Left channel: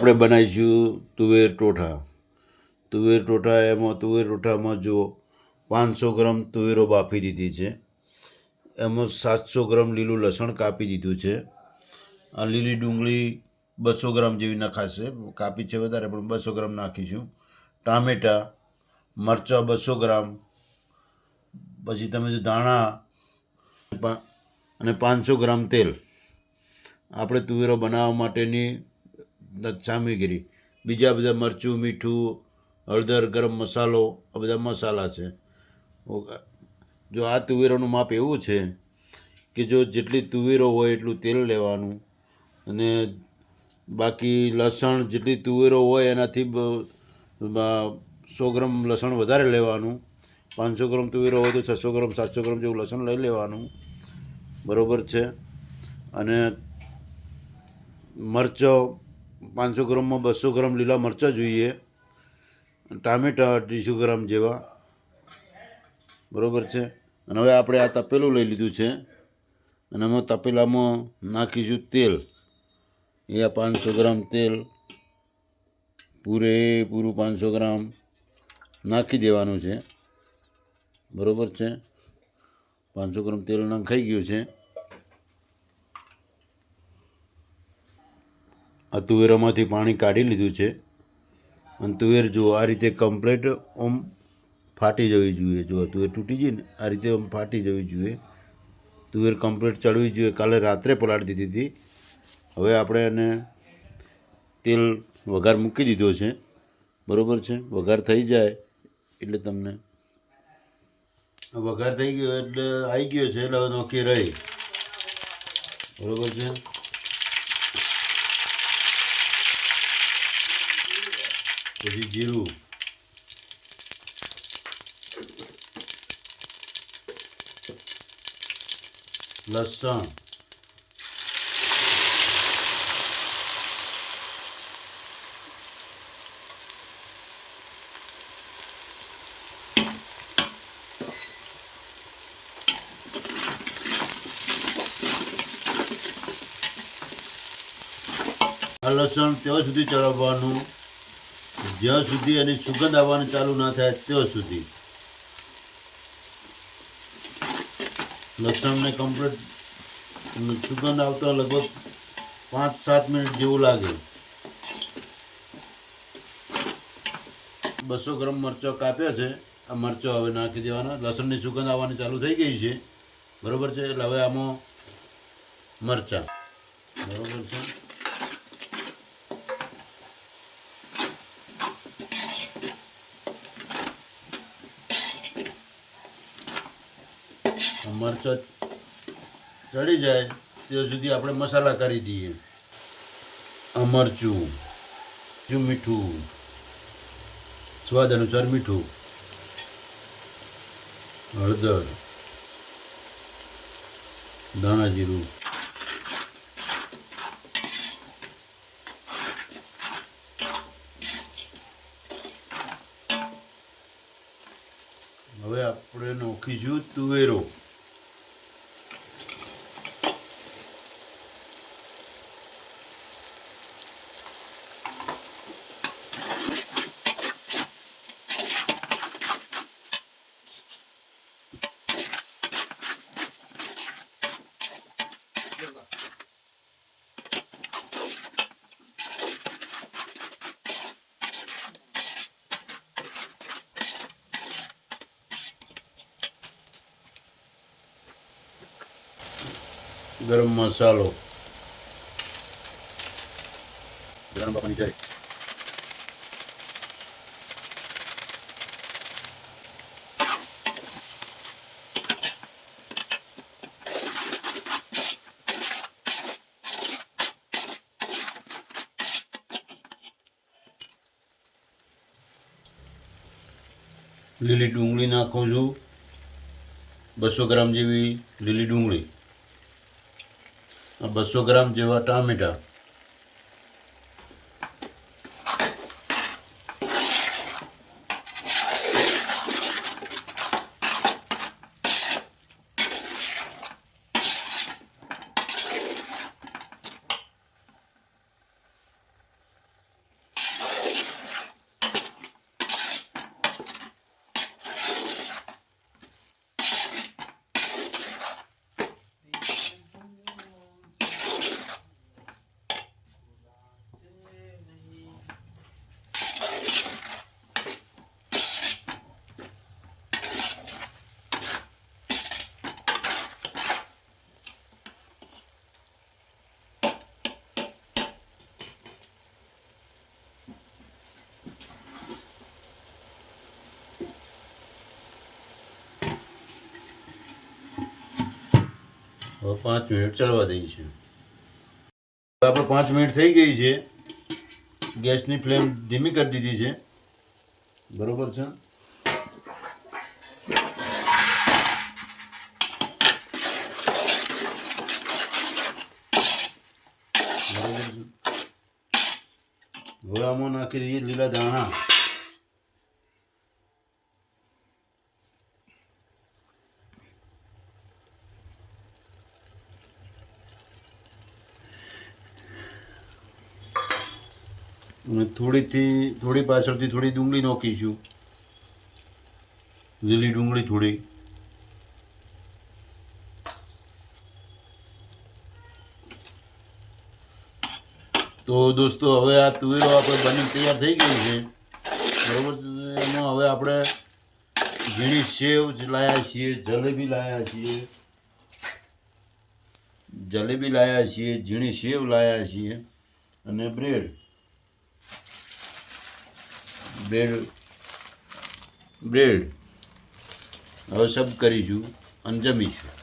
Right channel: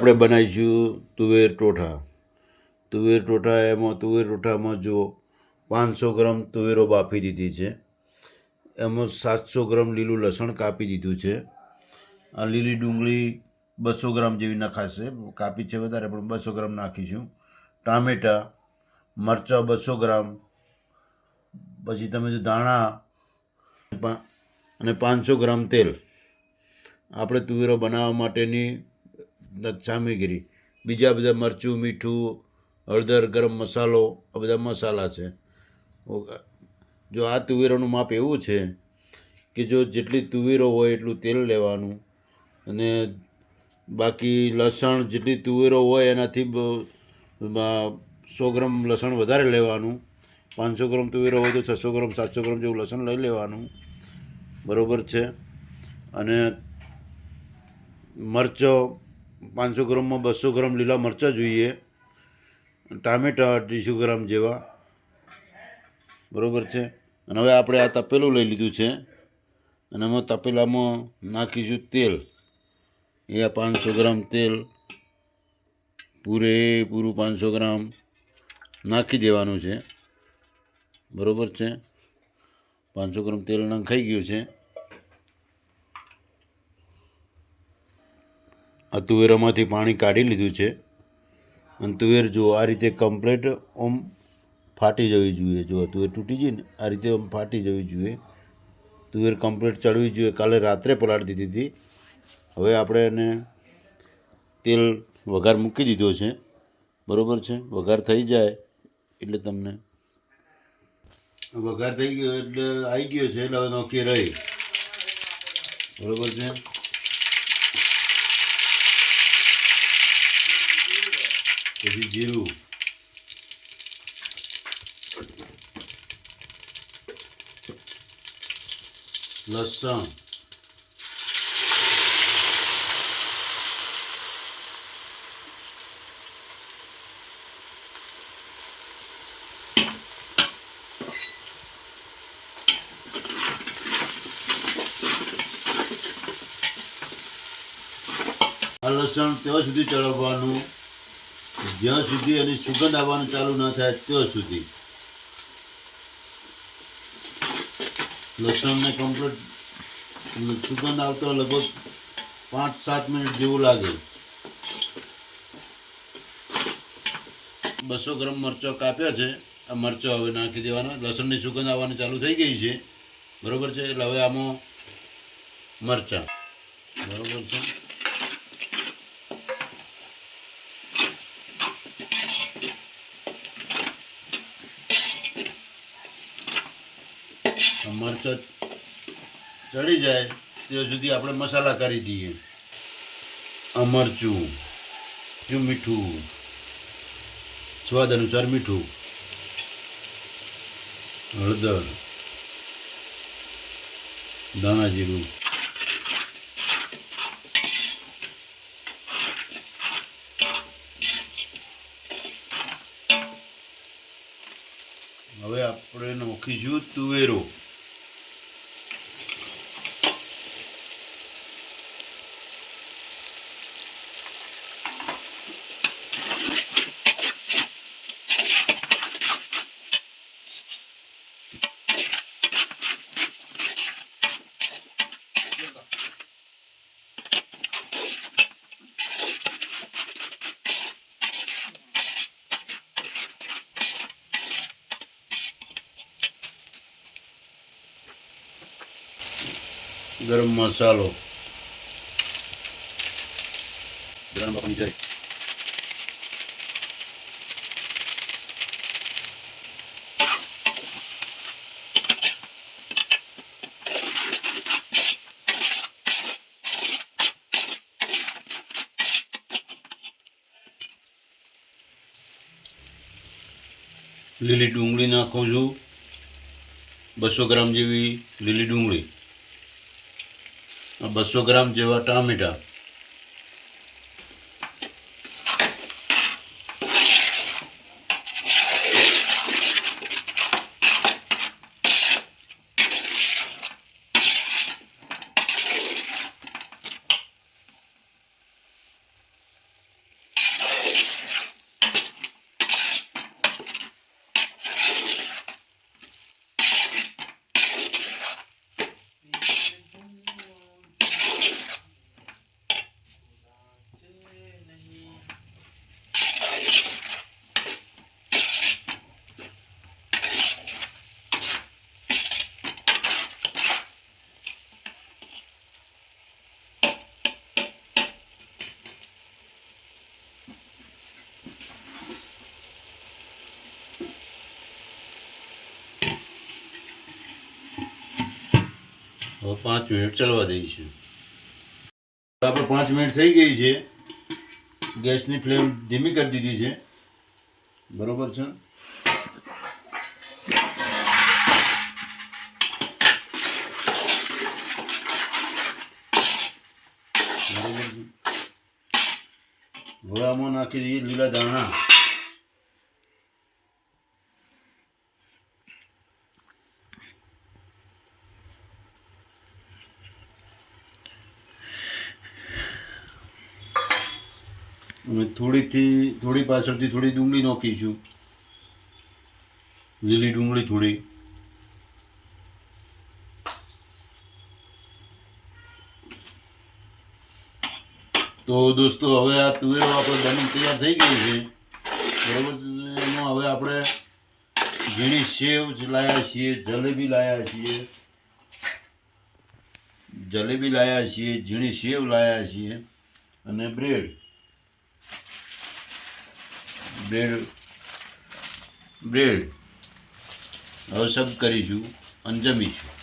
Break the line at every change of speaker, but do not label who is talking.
આપણે બનાવીશું તુવેર ટોઠા. તુવેર ટોઠા એમાં, તુવેર ટોઠામાં જો પાંચસો ગ્રામ તુવેરો બાફી દીધી છે. એમાં સાતસો ગ્રામ લીલું લસણ કાપી દીધું છે. આ લીલી ડુંગળી બસો ગ્રામ જેવી નખાશે. કાપી છે વધારે, પણ બસો ગ્રામ નાખીશું. ટામેટાં, મરચાં બસો ગ્રામ. પછી તમે જો ધાણા અને પાંચસો ગ્રામ તેલ. આપણે તુવેરો બનાવવા માટેની સામગ્રી બીજા બધા મરચું, મીઠું, હળદર, ગરમ મસાલો, આ બધા મસાલા છે. જો આ તુવેરોનું માપ એવું છે કે જો જેટલી તુવેરો હોય એટલું તેલ લેવાનું અને બાકી લસણ જેટલી તુવેરો હોય એનાથી સો ગ્રામ લસણ વધારે લેવાનું. પાંચસો ગ્રામ તુવેરો હોય તો છસો ગ્રામ, સાતસો ગ્રામ જેવું લસણ લઈ લેવાનું. બરાબર છે? અને મરચો પાંચસો ગ્રામમાં બસો ગ્રામ લીલા મરચાં જોઈએ. ટામેટા અઢીસો ગ્રામ જેવા. બરાબર છે? અને હવે આપણે આ તપેલું લઈ લીધું છે. અને એમાં તપેલામાં નાખીશું તેલ. એ આ પાંચસો ગ્રામ તેલ. પૂરેપૂરું પાંચસો ગ્રામ નાખી દેવાનું છે. બરાબર છે? પાંચસો ગ્રામ તેલ નાખાઈ ગયું છે. આ તુવેરામાંથી પાણી કાઢી લીધું છે. અને તુવેર જુઓ, આ રીતે કમ્પ્લેટ ઓમ ફાટી જવી જોઈએ. જો તુવેર તૂટી ને આ રીતે આમ ફાટી જવી જોઈએ. તુવેર કમ્પ્લેટ ચડવી જોઈએ. કાલે રાત્રે પલાળી દીધી હતી. હવે આપણે એને તેલ વઘાર મૂકી દીધો છે. બરાબર છે? વઘાર થઈ જાય એટલે તમને વઘાર થઈ ગયો એટલે આવી ગયો છે, એટલે હવે નોકી રહી. બરાબર છે? પછી જીરું લસણ આ લસણ ત્યાં સુધી ચડવવાનું જ્યાં સુધી એની સુગંધ આવવાની ચાલુ ના થાય, ત્યાં સુધી. લસણને કમ્પ્લીટ સુગંધ આવતો લગભગ પાંચ, સાત મિનિટ જેવું લાગે. બસો ગ્રામ મરચો કાપ્યા છે. આ મરચો હવે નાખી દેવાના. લસણની સુગંધ આવવાની ચાલુ થઈ ગઈ છે. બરોબર છે? એટલે હવે આમાં મરચાં. બરોબર છે? મરચાં ચડી જાય, ત્યાં સુધી આપણે મસાલા કરી દઈએ. મરચું જો મીઠું, સ્વાદ અનુસાર મીઠું, હળદર, ધાણા જીરું, હવે આપણે નોખીશું તુવેરો. ગરમ મસાલો ગરમ પાણી જાય લીલી ડુંગળી નાખું છું બસો ગ્રામ જેવી લીલી ડુંગળી બસો ગ્રામ જેવા ટામેટા. હવે પાંચ મિનિટ ચડવા દઈશું આપણે પાંચ મિનિટ થઈ ગઈ છે. ગેસની ફ્લેમ ધીમી કરી દીધી છે. બરોબર છે? હવે આમાં નાખી દઈએ લીલા દાણા. અને થોડીથી, થોડી પાછળથી થોડી ડુંગળી નાખીશું લીલી ડુંગળી થોડી. તો દોસ્તો, હવે આ તુવેરો આપણે બની તૈયાર થઈ ગઈ છે. બરોબર? એમાં હવે આપણે ઝીણી સેવ લાયા છીએ, જલેબી લાયા છીએ. જલેબી લાયા છીએ, ઝીણી સેવ લાયા છીએ અને બ્રેડ. બ્રેડ બ્રેડ હવે સબ કરીશું અને જમીશું.